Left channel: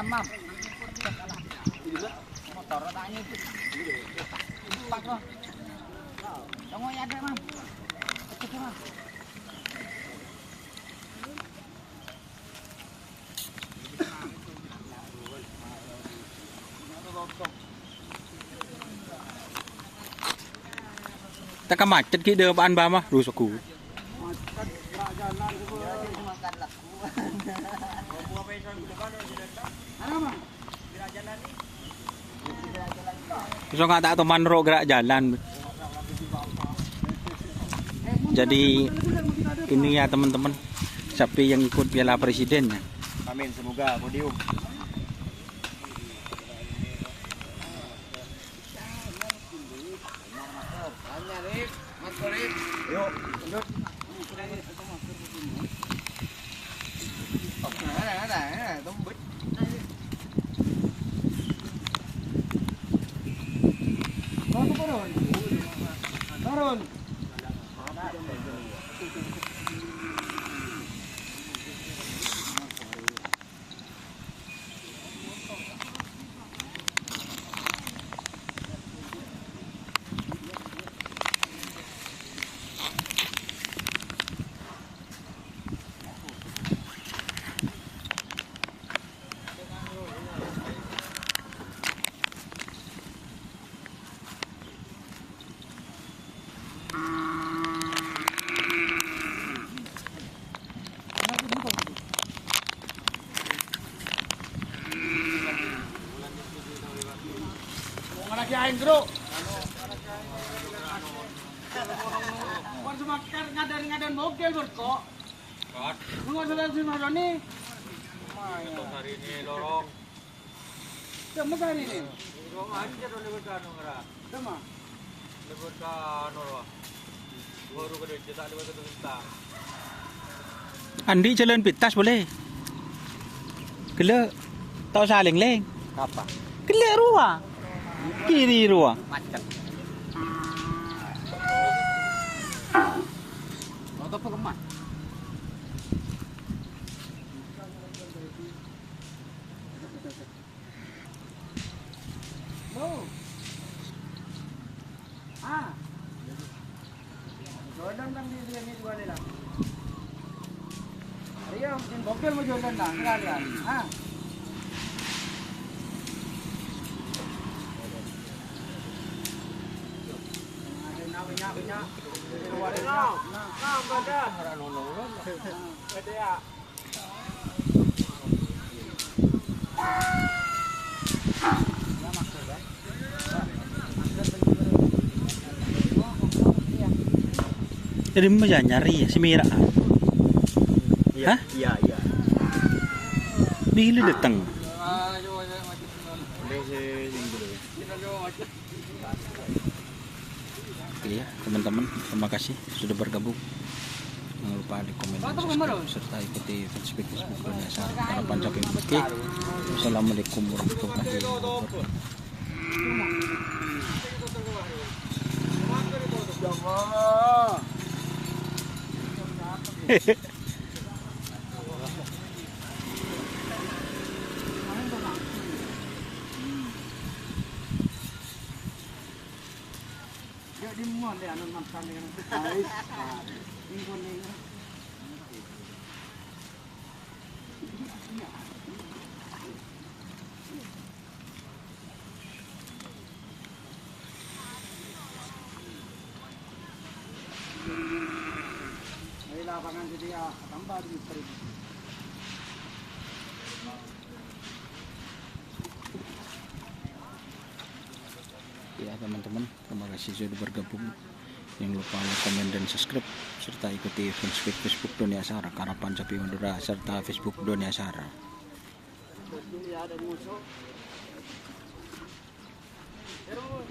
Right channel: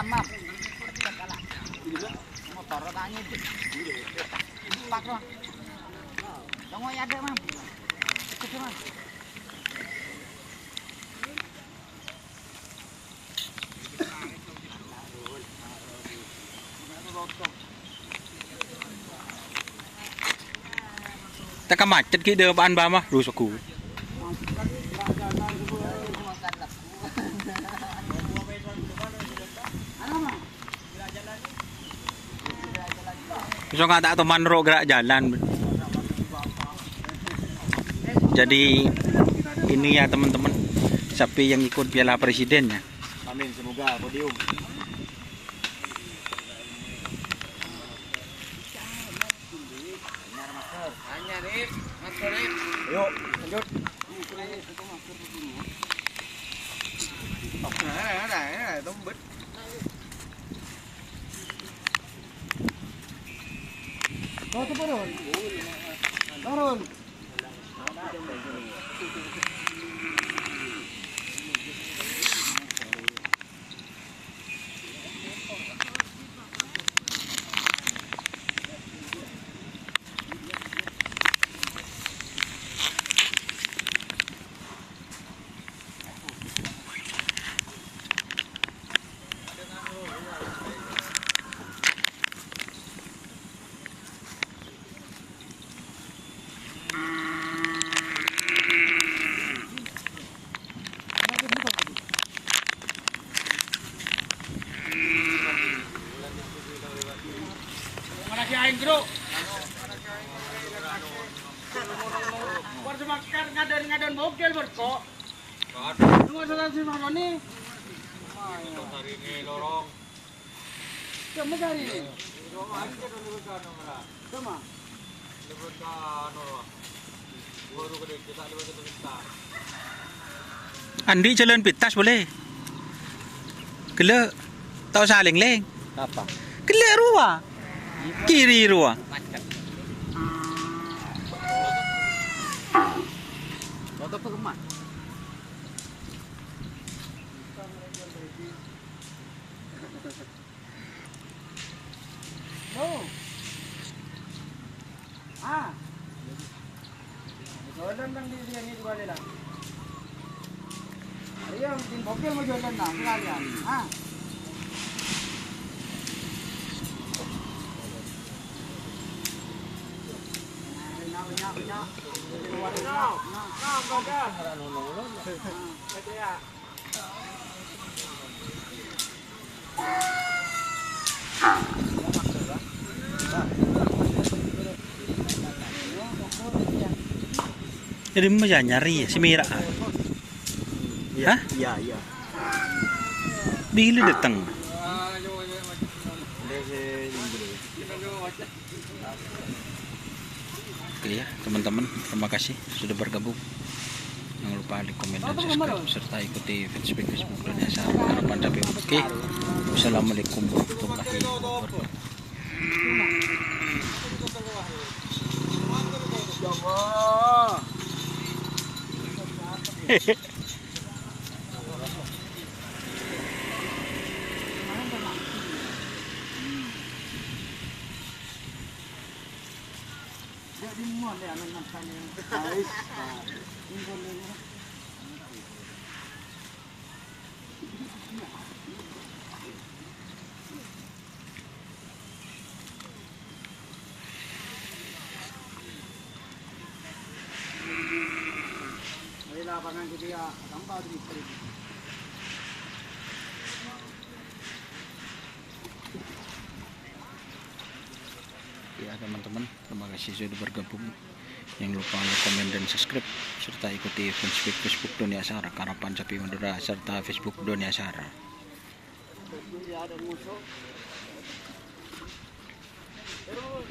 Mam. Motor tanya itu. Pak loh. Tunggu ya ada, Mam. Ikut, Mam. Tak macet ki dia apaan ba mah rusak ku. So nga tak manro gerak jalan. Jadi ini ya teman-teman, sapi yang ikut Piala Presiden ya. Amin, semoga podium. Yuk, lanjut. Tombet. Turun. Bro. Warga makan ngadan bogel berko. Nunggu salah si Maroni. Hari ini lorong. Kamu hari ini. Lorong aja dulu lebaran orang. Sama. Lebaran orang. Baru kedua cetak lebaran tu minta. Andi jalan pintas boleh. Kele tak usah leng-leng. Apa? Kele ruah. Kiri ruah. Motor pengemat. Oh. Ah. Jordan kan dia ni juga ada. Ayo, tin bogel mau Jordan dah sekalian. Ah. Jadi macam nyari si Mira. Iya, Hah? iya. Bila datang? Oke ya teman-teman, terima kasih sudah bergabung. Jangan lupa like, komen, dan subscribe serta ikuti Facebook Dunia Sahara Harapan Capai. Oke, wassalamualaikum warahmatullahi wabarakatuh. Dia di mana dia anak nampak dengan guys. Info ni. Ini lapangan dia tambah di peribu. Ya teman-teman, terima kasih sudah bergabung. Jangan lupa like, komen, dan subscribe serta ikuti Facebook Dunia Sahara Harapan Sapi Madura serta Facebook Dunia Sahara. Ada musuh. Terus